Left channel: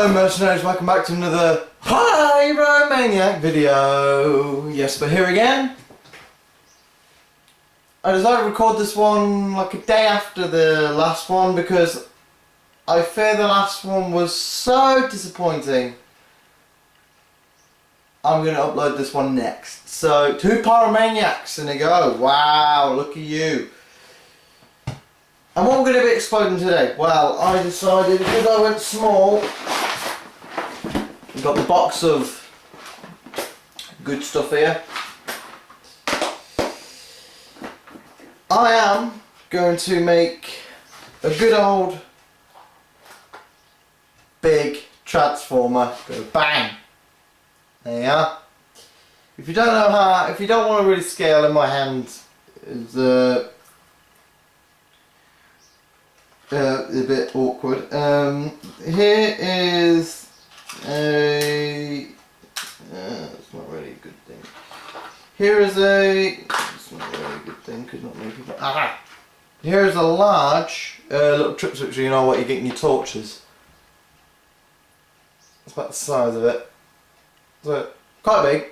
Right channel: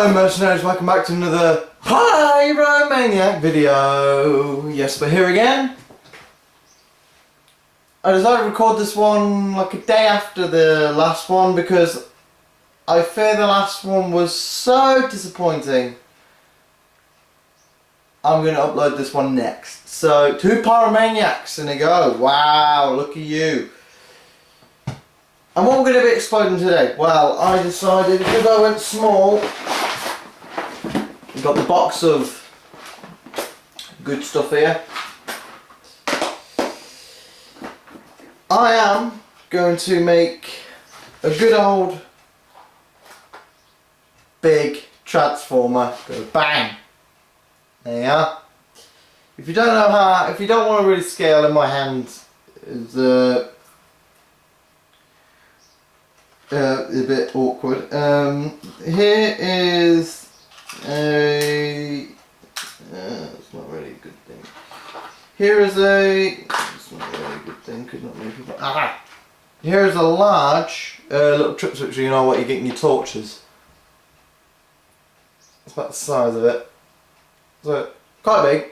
Hello mercenaries, welcome back to another Pyromaniac video. Yes, we're here again. I decided to record this one like a day after the last one because I fear the last one was so disappointing. I'm going to upload this one next. So, 2 Pyromaniacs, and they go. Wow, look at you. And what we're going to be exploding today? Well, I decided, because I went small, we've got the box of good stuff here. I am going to make a good old big Tansformer go bang. There you are. If you don't know how, if you don't want to really scale in my hand, is a bit awkward. Here is a. It's not really a good thing. Here is a. It's not really a good thing. Could not many people. Ah! Here is a large little trip switch. So you know what you get in your torches. That's about the size of it. So quite big.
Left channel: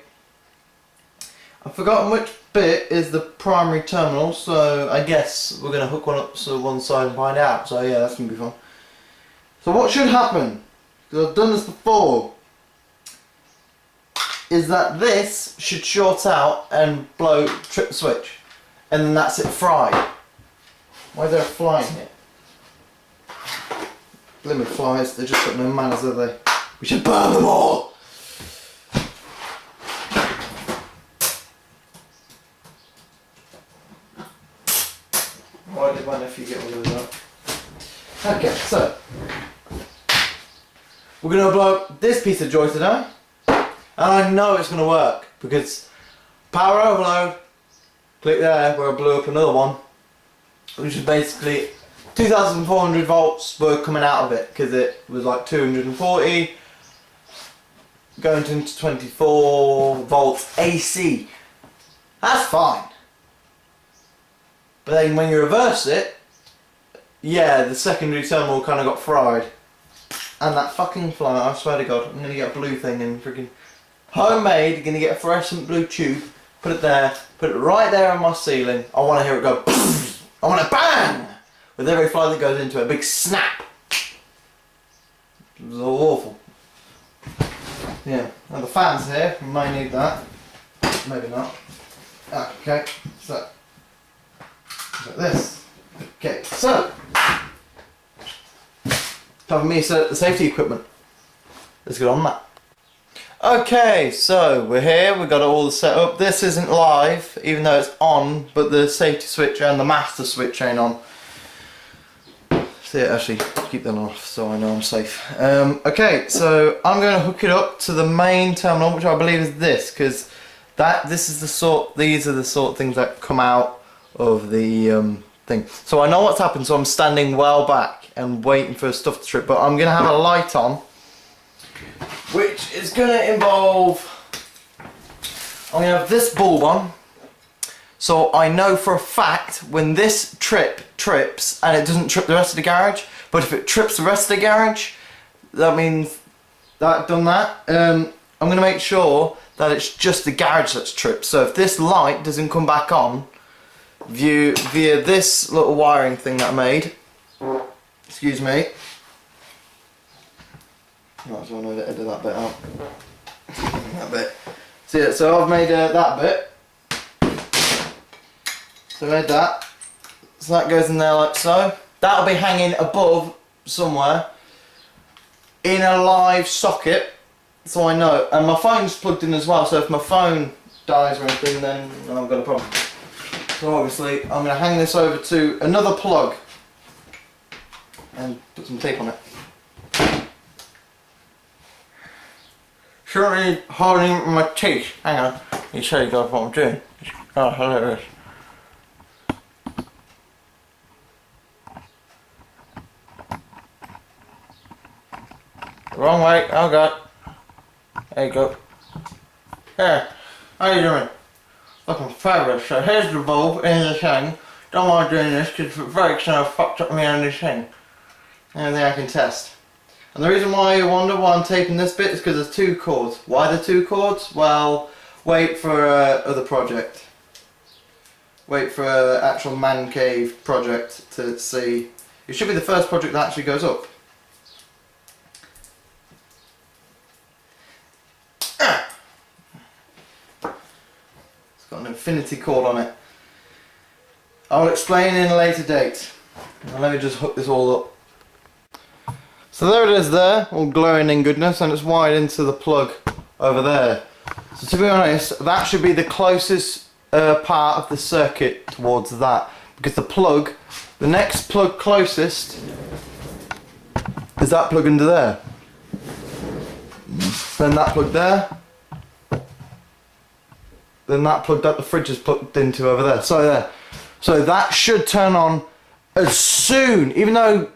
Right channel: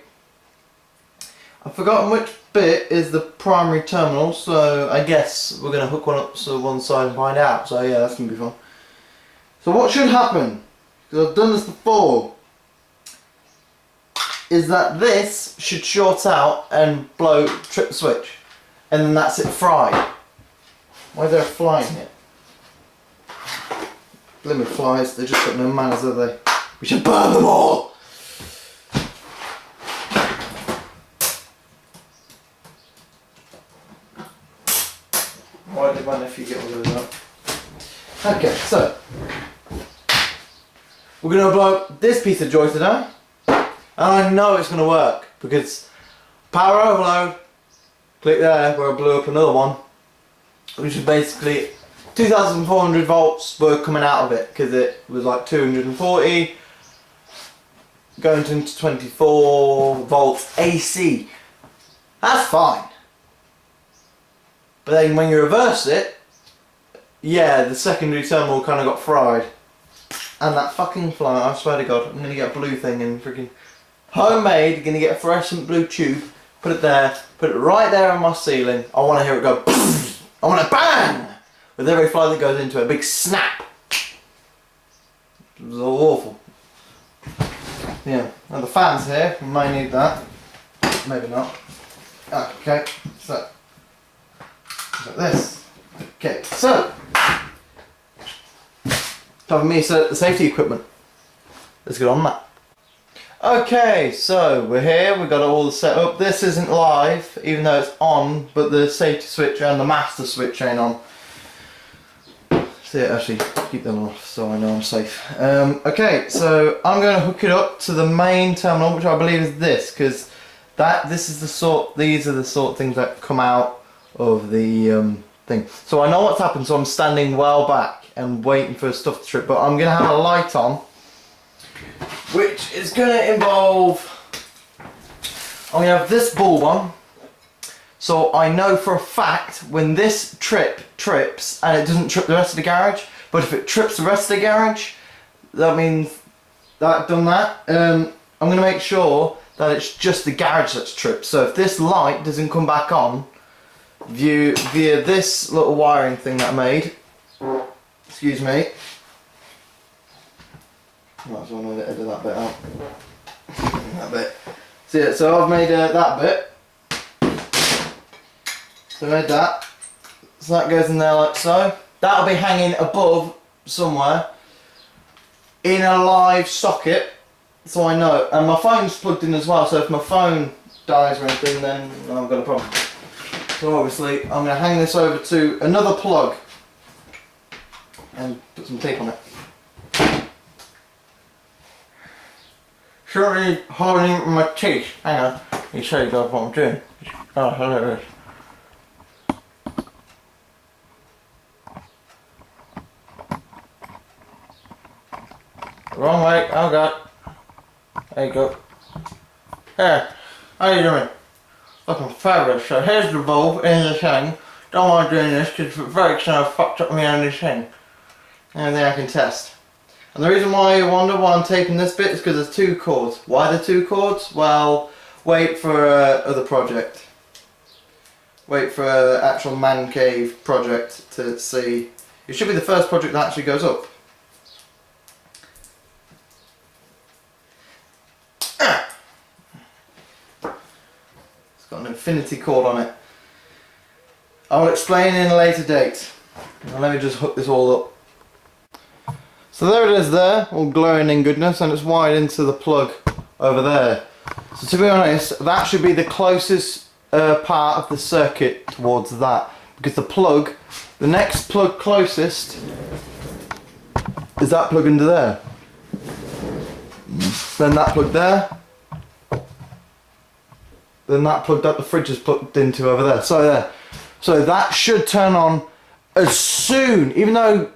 I've forgotten which bit is the primary terminal, so I guess we're going to hook one up to one side and find out. So yeah, that's going to be fun. So what should happen, because I've done this before, is that this should short out and blow trip switch, and then that's it fried. Why is there a fly in here? Blimmin' flies, they just got no manners, have they? We should burn them all! Why did my nephew get all those up? Okay, so we're going to blow up this piece of joy today, and I know it's going to work because power overload, click there where I blew up another one, which is basically 2,400 volts were coming out of it because it was like 240 going into 24 volts AC. That's fine. But then when you reverse it, yeah, the secondary terminal kind of got fried. And that fucking fly, I swear to God, I'm going to get a blue thing and freaking homemade, going to get a fluorescent blue tube, put it there, put it right there on my ceiling. I want to hear it go, I want to bang! With every fly that goes into it, a big snap. It was all awful. Yeah, and the fans here, we may need that. Maybe not. Okay, so. Like this. Okay, so having me set up the safety equipment. Let's get on that. Okay, so we're here, we've got it all set up. This isn't live, even though it's on, but the safety switch and the master switch ain't on. So yeah, actually keep them off so I know I'm safe. Okay, so I'm going to hook it up to the main terminal, which I believe is this, because these are the sort of things that come out of the thing. So I know what's happened, so I'm standing well back and waiting for stuff to trip, but I'm going to have a light on, which is going to involve, I'm going to have this bulb on, so I know for a fact when this trips and it doesn't trip the rest of the garage, but if it trips the rest of the garage, that means that I've done that. I'm going to make sure that it's just the garage that's tripped, so if this light doesn't come back on via this little wiring thing that I made, excuse me, might as well edit that bit out. That bit. So yeah, so I've made that bit. So I made that. So that goes in there like so. That'll be hanging above somewhere in a live socket, so I know. And my phone's plugged in as well, so if my phone dies or anything, then I've got a problem. So obviously I'm going to hang this over to another plug and put some tape on it. Surely holding my teeth. Hang on, you show you guys what I'm doing. Oh, hello. Wrong way, oh god. There you go. Here, how you doing? Looking fabulous. So here's the bulb in the thing. Don't mind doing this because if it breaks, then I've fucked up my own thing. And then I can test. And the reason why you wonder why I'm taping this bit is because there's 2 cords. Why the 2 cords? Well, wait for other project. Wait for an actual man cave project to see. It should be the first project that actually goes up. It's got an infinity cord on it. I'll explain in a later date. Now let me just hook this all up. So there it is there, all glowing in goodness, and it's wired into the plug over there. So to be honest, that should be the closest part of the circuit towards that, because the next plug closest is that plug under there. Then that plug there. Then that plug that the fridge is plugged into over there. So that should turn on as soon, even though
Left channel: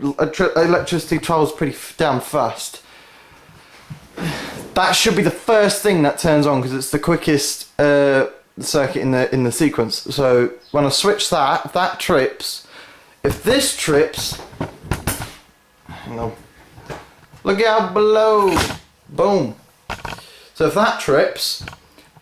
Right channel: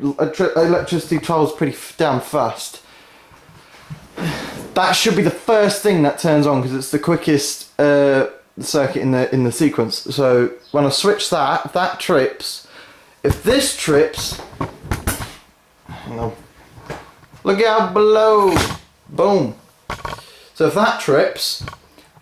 electricity travels pretty damn fast. That should be the first thing that turns on because it's the quickest circuit in the sequence. So when I switch that, if that trips, if this trips, hang on, look out below, boom. So if that trips,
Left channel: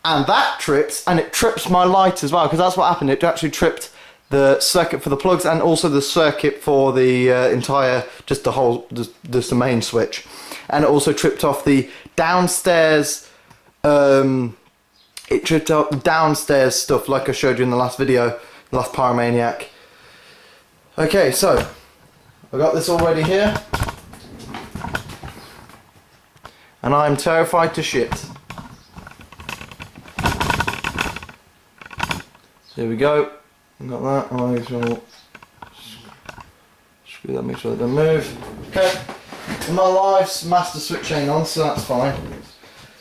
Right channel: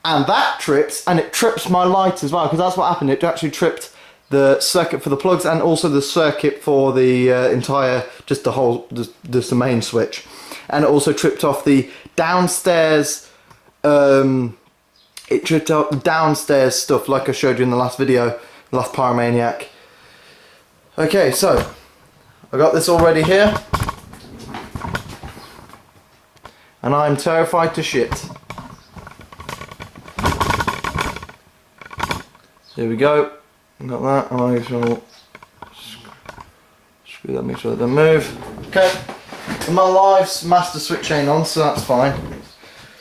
and it trips my light as well, because that's what happened. It actually tripped the circuit for the plugs and also the circuit for the entire, just the main switch. And it also tripped off the downstairs, it tripped out the downstairs stuff like I showed you in the last video, the last Pyromaniac. Okay, so I got this all ready here. And I'm terrified to shit. So here we go. Got that. I'm going to screw that, make sure it doesn't move. Okay. And my live's master switch ain't on, so that's fine.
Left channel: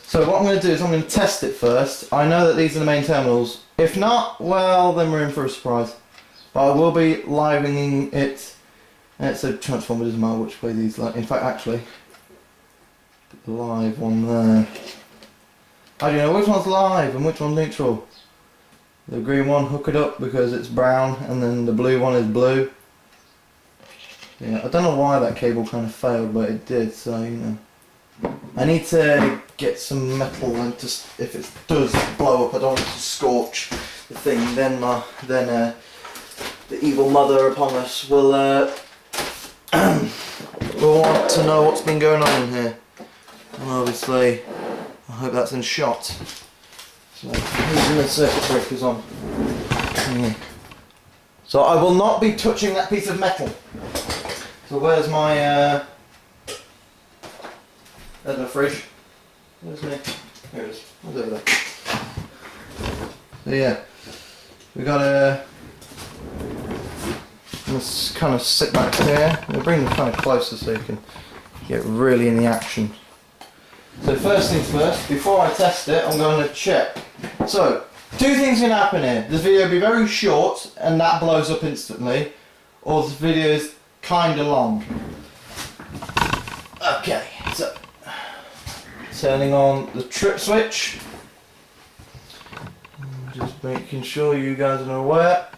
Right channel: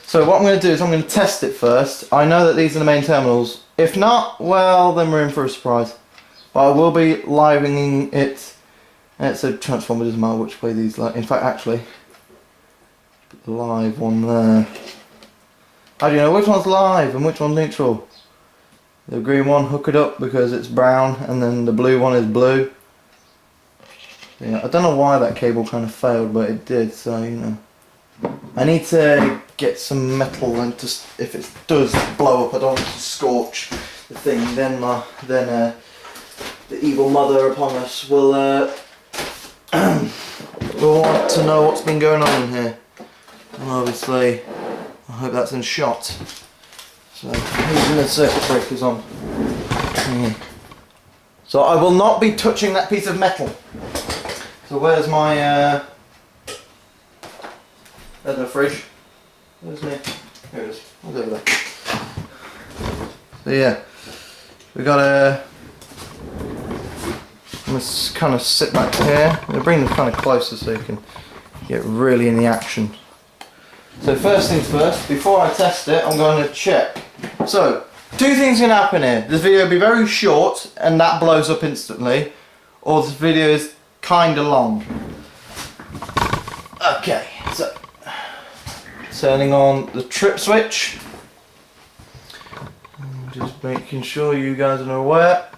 So what I'm going to do is I'm going to test it first. I know that these are the main terminals. If not, well, then we're in for a surprise. But I will be living it. And it's a transformer, doesn't matter which way these light. In fact, actually, put the live one there. How do you know which one's live and which one's neutral? The green one, hook it up because it's brown, and then the blue one is blue. Yeah, I don't know why that cable kind of failed, but it did, so you know. I need to get some metal and just, if it does blow up, I don't want to scorch the thing, then the evil mother upon us will will want to know what's been going on in here. And obviously, I hope that's in shot. So, using the circuit breakers on. So I will not be touching that piece of metal. So where's my, there's my fridge. Where's me? Here it is. What's over there? So yeah, we got a, let's kind of sit back here. I'm going to bring them kind of closer so you can get really in the action. So first things first, before I test it, I'm going to check. So, 2 things can happen here. This video will be very short and that blows up instantly, or this video is kind of long. Okay, so turning on the trip switch. Just making sure you guys are aware.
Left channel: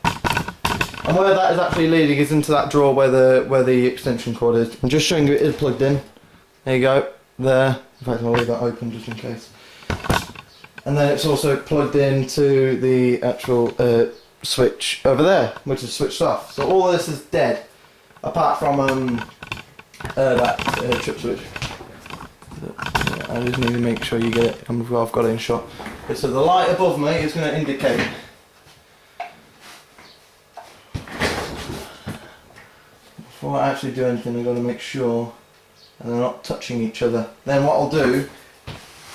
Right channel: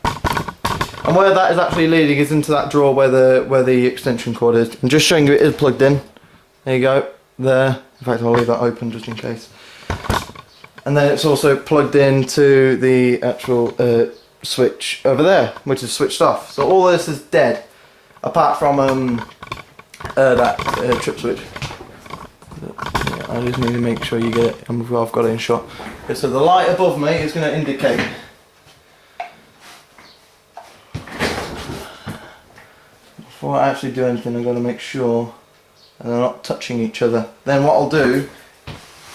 And where that is actually leading is into that drawer where the extension cord is. I'm just showing you it is plugged in. There you go, there. In fact, I'll leave that open just in case. And then it's also plugged into the actual switch over there, which is switched off. So all this is dead, apart from that trip switch. Yeah, I just need to make sure you get it. I've got it in shot. Okay, so the light above me is going to indicate. Before I actually do anything, I've got to make sure that they're not touching each other. Then what I'll do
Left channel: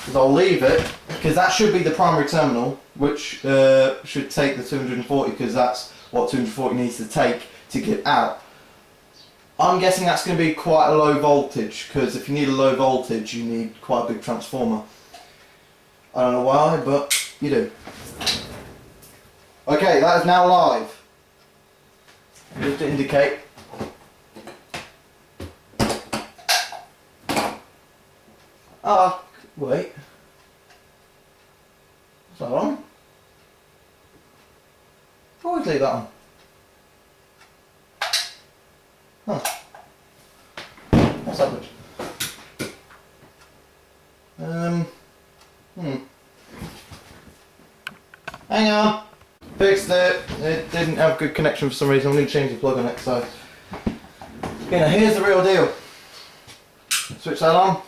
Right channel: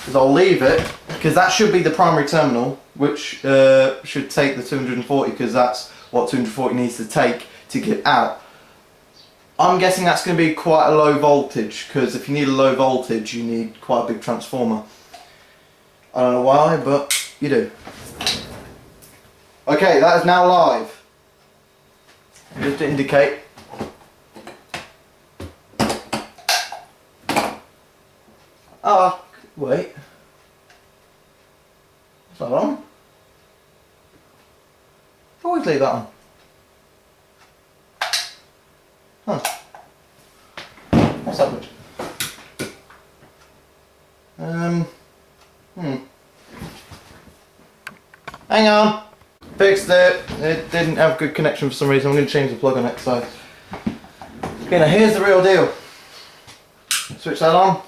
is I'll leave it, because that should be the primary terminal, which should take the 240, because that's what 240 needs to take to get out. I'm guessing that's going to be quite a low voltage, because if you need a low voltage you need quite a big transformer. I don't know why, but you do. Okay, that is now live. Just to indicate. Ah, wait. Is that on? Always leave that on. Huh. What's happened? Hang on. Fixed it. It didn't have good connection for some reason. I'm going to change the plug on it. So, okay, now here's the real deal. Switch that on.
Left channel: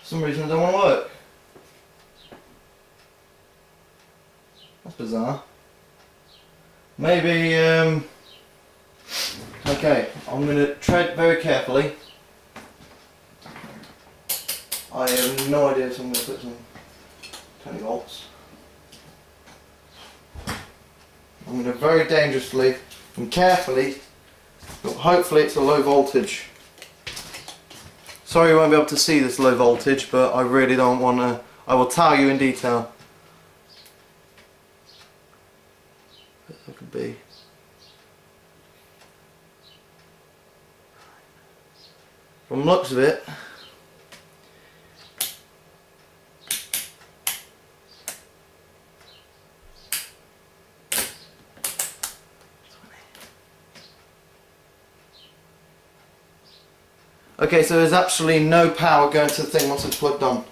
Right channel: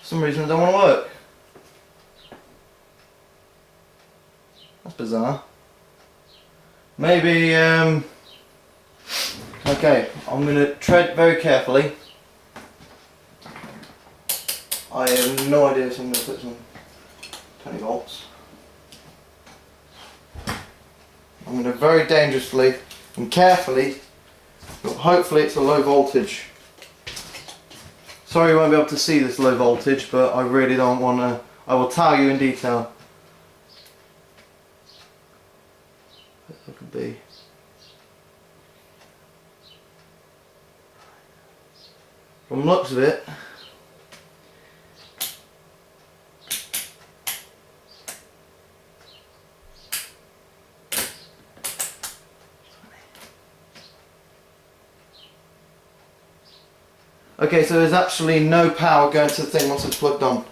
For some reason it don't want to work. That's bizarre. Maybe, okay, I'm going to tread very carefully. I have no idea, so I'm going to put some 20 volts. I'm going to very dangerously and carefully, but hopefully it's a low voltage. Sorry you won't be able to see this low voltage, but I really don't want to, I will tell you in detail. But that could be. From the looks of it, okay, so there's actually no power going to the thing once it's plugged on.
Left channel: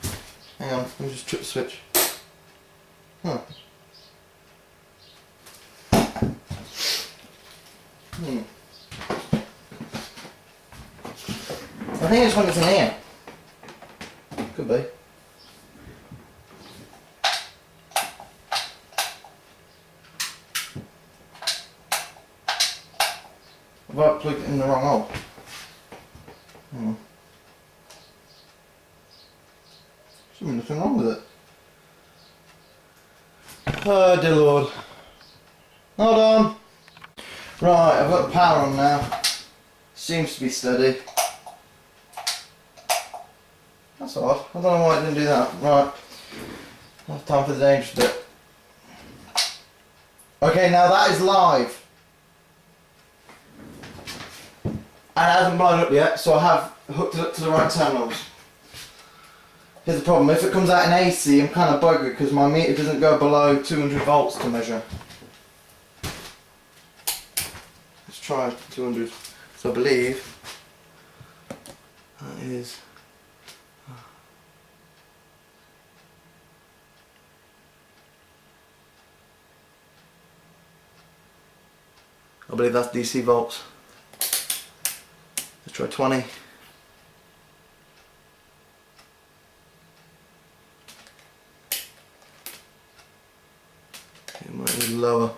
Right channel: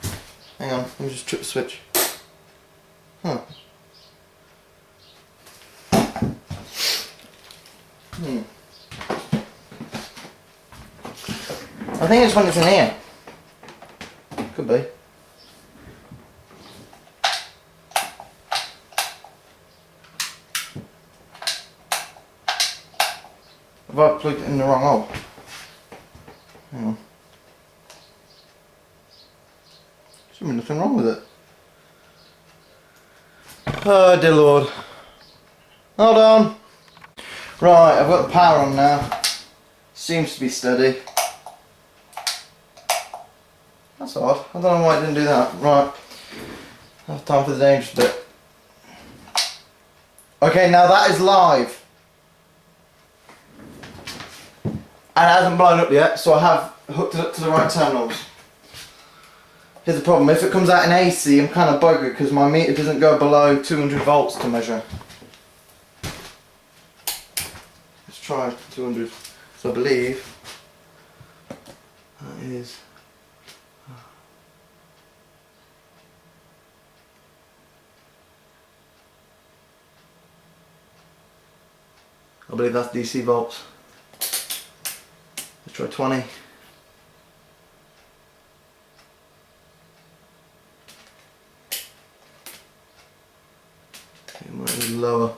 Hang on, let me just trip the switch. Huh. I think it's when it's in here. Could be. Have I plugged it in the wrong hole? Hang on. Should be nothing wrong with it. Oh dear Lord. Hold on. Right, I've got the power on now. Seems to be steady. That's odd. I don't know why it didn't do that. Right. Now time for the dangerous bit. Okay, now that is live. And it hasn't blown up yet, so I have hooked it up to the right terminals. Here's the problem, if it comes out in AC, I'm kind of buggered because my meter doesn't go below 200 volts to measure. Let's try 200. So I believe that is. I believe that's DC volts. Let's try 20. It might be lower.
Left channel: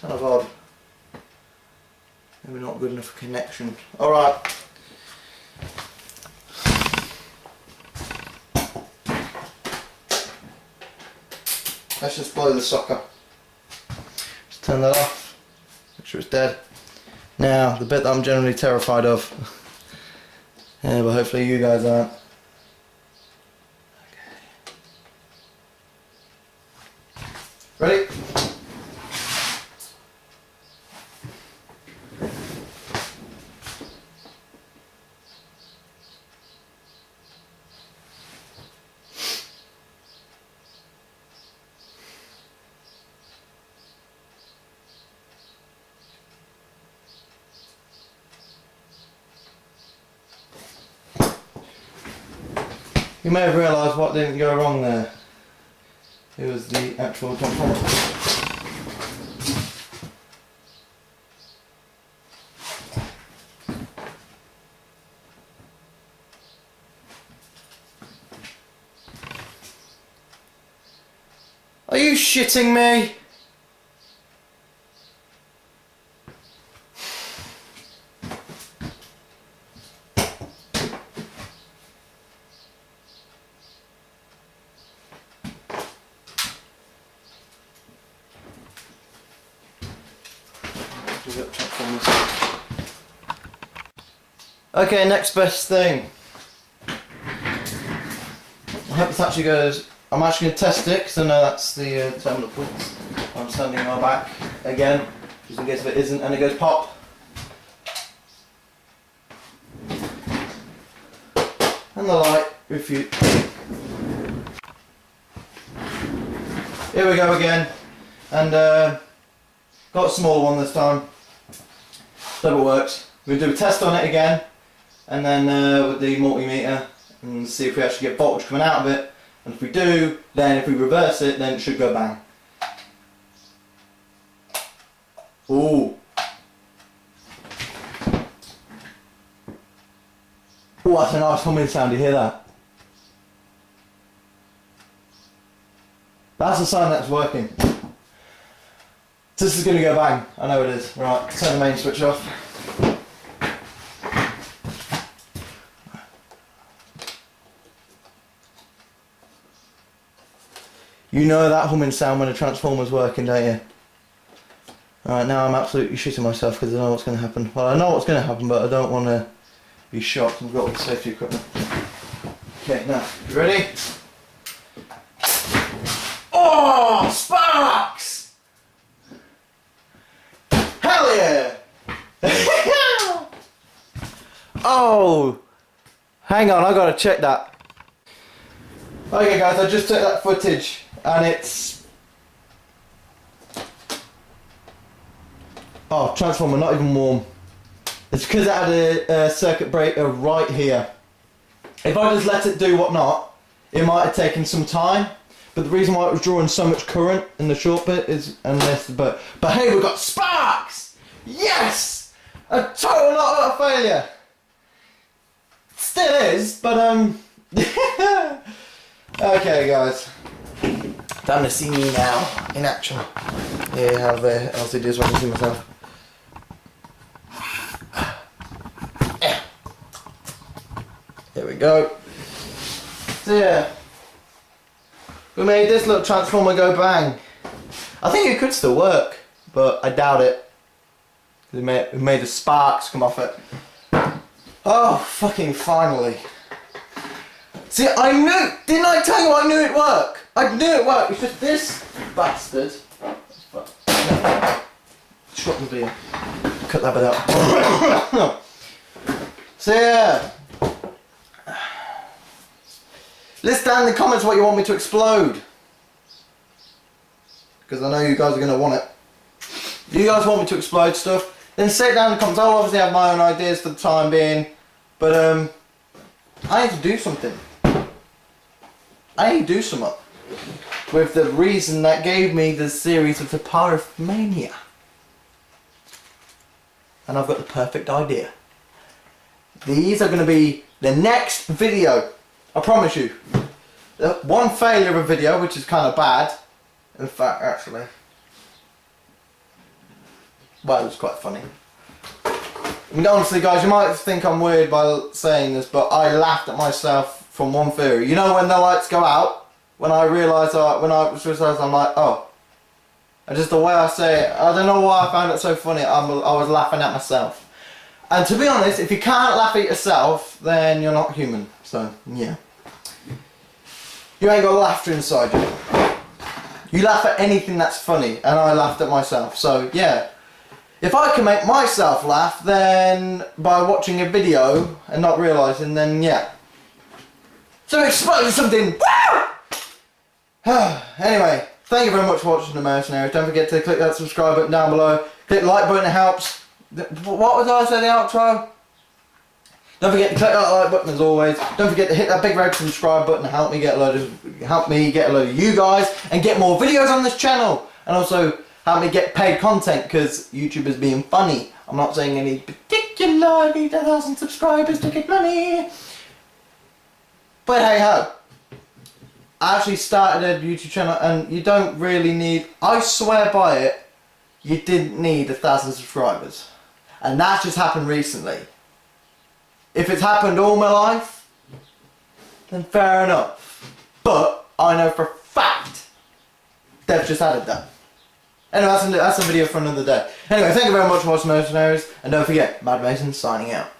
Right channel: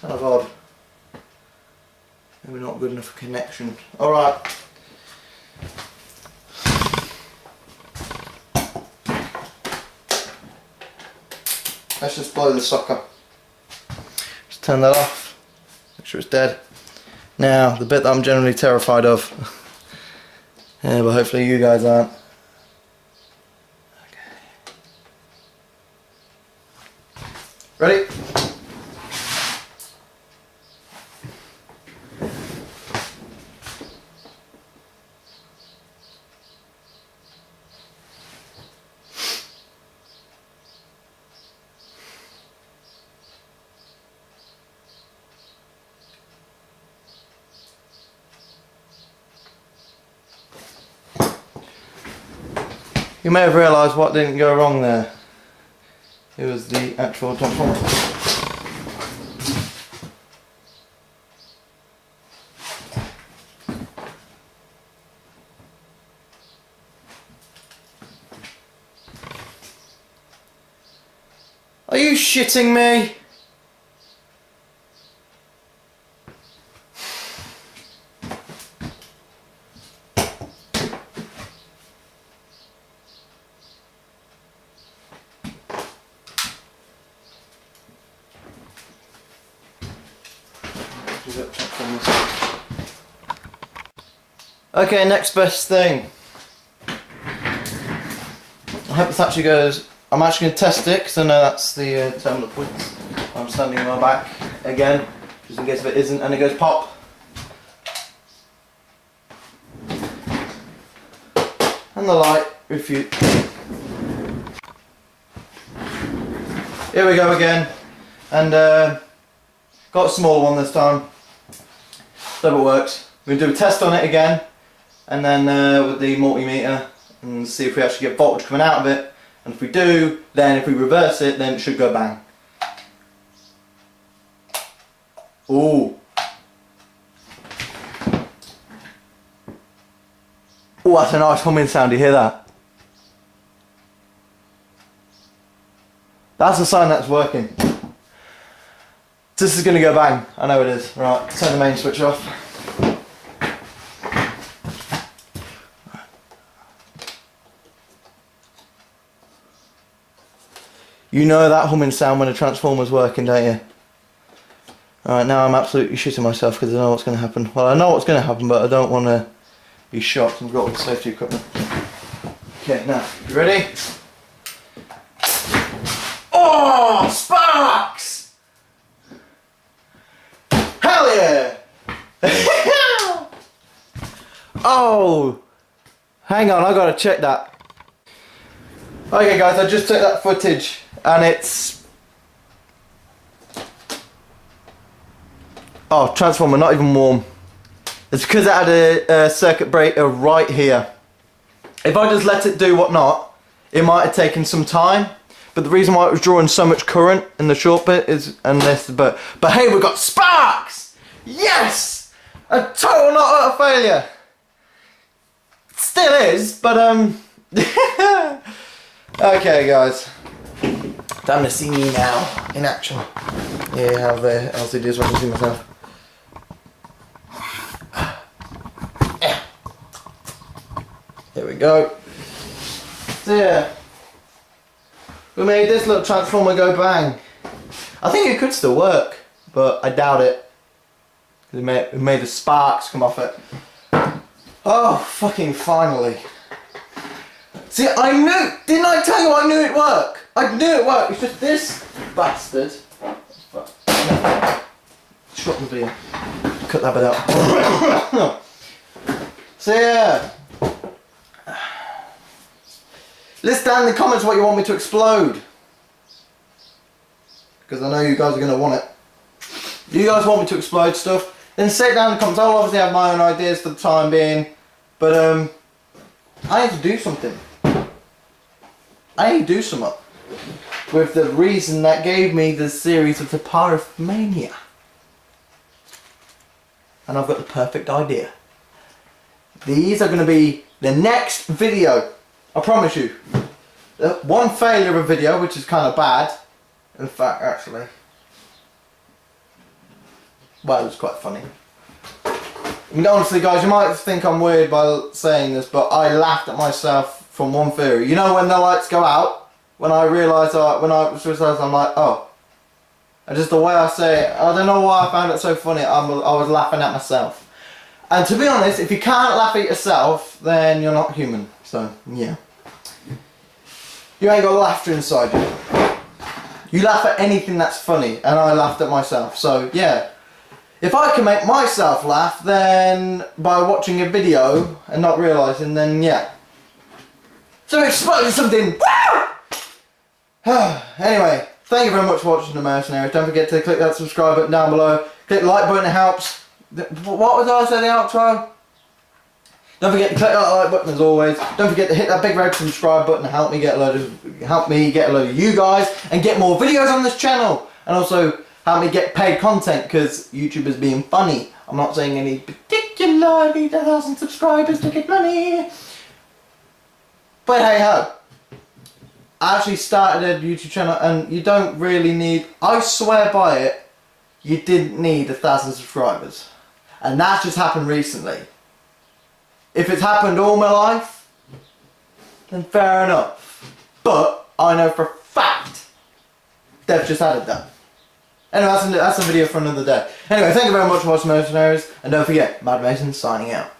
Kind of odd. Maybe not good enough for connection. Alright. Let's just blow the socket. Just turn that off. Make sure it's dead. Now, the bit that I'm generally terrified of. Yeah, but hopefully you guys aren't. Okay. Ready? You may have realised what didn't go wrong there. It was the actual transformer. Are you shitting me? Okay, next best thing. I hope this actually goes. I'm actually going to test it because I know that's the terminal points. I'm standing on my back again, just in case if it isn't, and it goes pop. And the light refute. here we go again. And got a smaller one this time. So it works. We're going to do a test on it again. And then with the multimeter. And see if we actually get voltage coming out of it. And if we do, then if we reverse it, then it should go bang. Ooh. Oh, that's a nice humming sound, you hear that? That's a sign that's working. This is going to go bang, I know it is. Right, turn the main switch off. You know that humming sound when a transformer's working, don't you? Alright, now I'm absolutely shitting myself because I know what's going to happen. Well, I know what's going to happen, but I don't want to be shocked. I've got all the safety equipment. Okay, now, you ready? Oh, sparks! Hell yeah! Oh! Hang on, I gotta check that. Okay guys, I just took that footage and it's... Oh, transformer, not even warm. It's because it had a circuit breaker right here. If I just let it do whatnot, it might have taken some time. But the reason why it was drawing so much current in the short bit is, and this, but hey, we've got sparks! Yes! A total not a failure. Still is, but okay guys. Time to see me now, in action. Yeah, how the LCD is when I can see myself. Here we go. So yeah, we made this little transformer go bang. I think it could still work, but I doubt it. Because we made the sparks come off it. Oh, fucking finally. See, I knew, didn't I tell you I knew it'd work? I knew it worked, it's just this bastard. Shut the video. Cut that bit out. So yeah. List down in the comments what you want me to explode. Because I know you guys are going to want it. Do you guys want me to explode stuff? Then say it down in the comments. I'll obviously have my own ideas for the time being. But I need to do something. I need to do something. With the reason that gave me the series of the Pyromaniac. And I've got the perfect idea. These are going to be the next video. I promise you. One failure of a video, which is kind of bad. In fact, actually. Well, it was quite funny. I mean, honestly, guys, you might think I'm weird by saying this, but I laughed at myself from one theory. You know when the lights go out? When I realised, I'm like, oh. And just the way I say it, I don't know why I found it so funny. I was laughing at myself. And to be honest, if you can't laugh at yourself, then you're not human. So, yeah. You ain't got laughter inside you. You laugh at anything that's funny, and I laughed at myself. So, yeah. If I can make myself laugh, then by watching a video and not realising, then yeah. So explode something! Woo! Anyway, thank you very much for watching The Mercenaries. Don't forget to click that subscribe button down below. Click the like button, it helps. What was I saying the outro? Don't forget to click that like button as always. Don't forget to hit that big red subscribe button to help me get a load of you guys and get more videos on this channel. And also help me get paid content because YouTube is being funny. I'm not saying any particular I need 1,000 subscribers to get money. But hey ho. I actually started a YouTube channel and you don't really need, I swear by it, you didn't need 1,000 subscribers. And that's just happened recently. If it's happened all my life, then fair enough. But I know for a fact they've just added that. Anyway, that's a video for another day. Anyway, thank you very much for watching Mercenaries, and don't forget, Mad Mason signing out.